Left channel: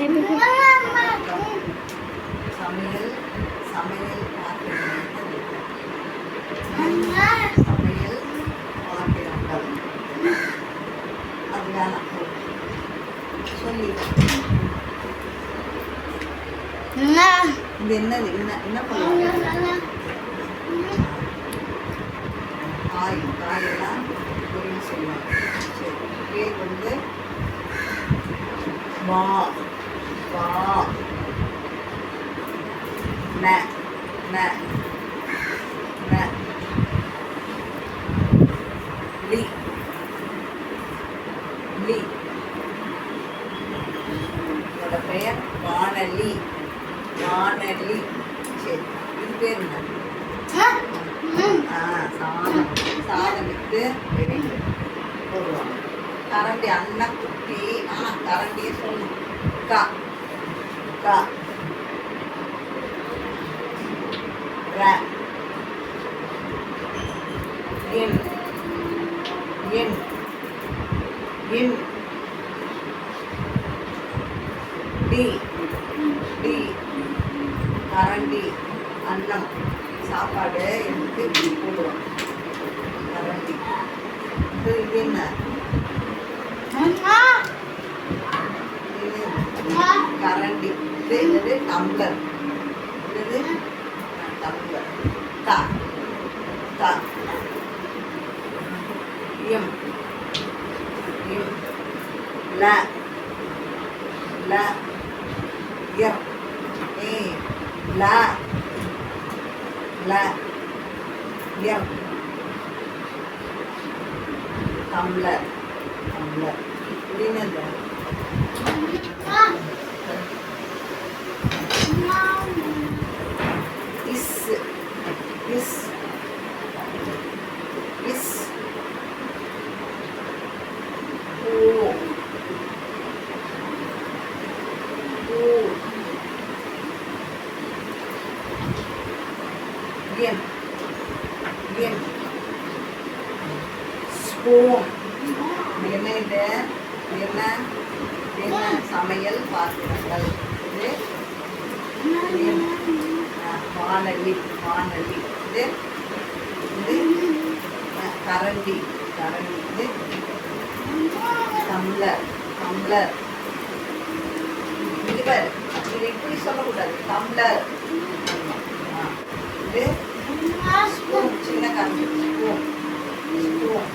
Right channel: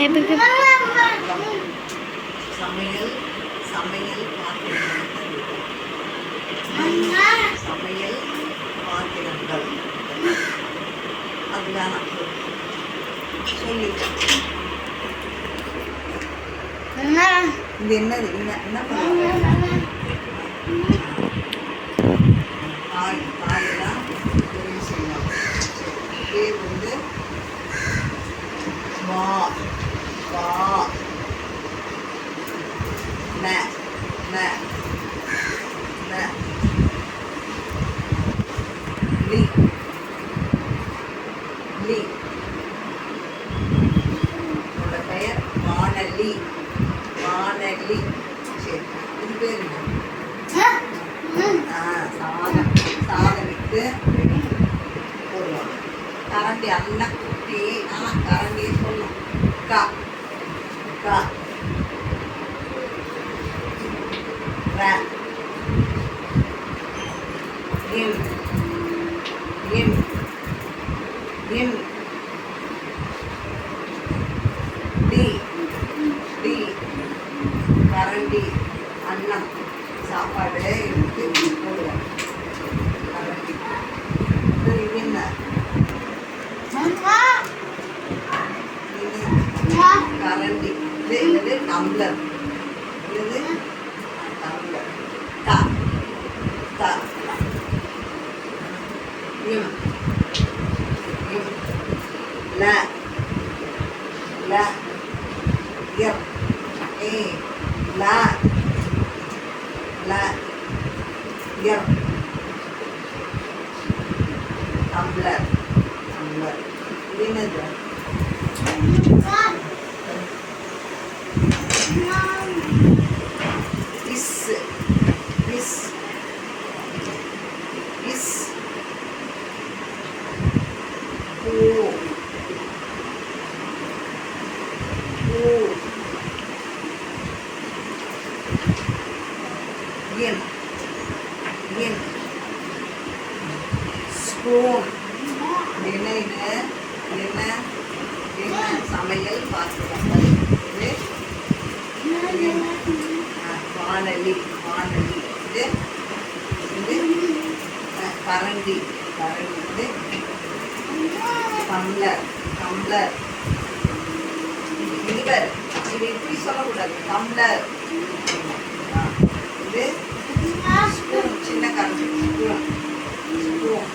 சமையல் சமையல் சமையல் பாத்திரங்கள் அதுதான் சொல்லி இது என்னது என்ன பண்ணுவாங்க காயெல்லாம் பொரியல் செய்வாங்க. இதே வந்து வா வா ந ந ந லி லி என்னோட பெயர் வானலி வானலி. சரி, இது பேர் என்ன? சாதனுக்கு போடுவாங்க. கரண்டி அண்ணன் குட்டி கரண்டியே சொல்லணும். கா கா ரா இன் இன் இன் டி டி கரண்டி அன்னம் சாப்பாடு எடுத்து போடுவேன். கரண்டி இது என்ன? கரண்டி. இது டம்ளர். இது டம்ளர். த த இம் இம் ல ல இர் ஏ ல ல இர் டம்ளர் டம்ளர். இது என்னது? Is is is oh oh என் என் ஸ்பூன். என்ன இது? என்ன என்ன சமையல் பாத்திரங்கள். இது வானலி வானலி. இது இது கரண்டி கரண்டி. இது டம்ளர் டம்ளர். இது பேர் இது இப்படி சொல்லக்கூடாது. டம்ளர். இது ஸ்பூன். சின்ன கரண்டி ஸ்பூன் ஸ்பூன்.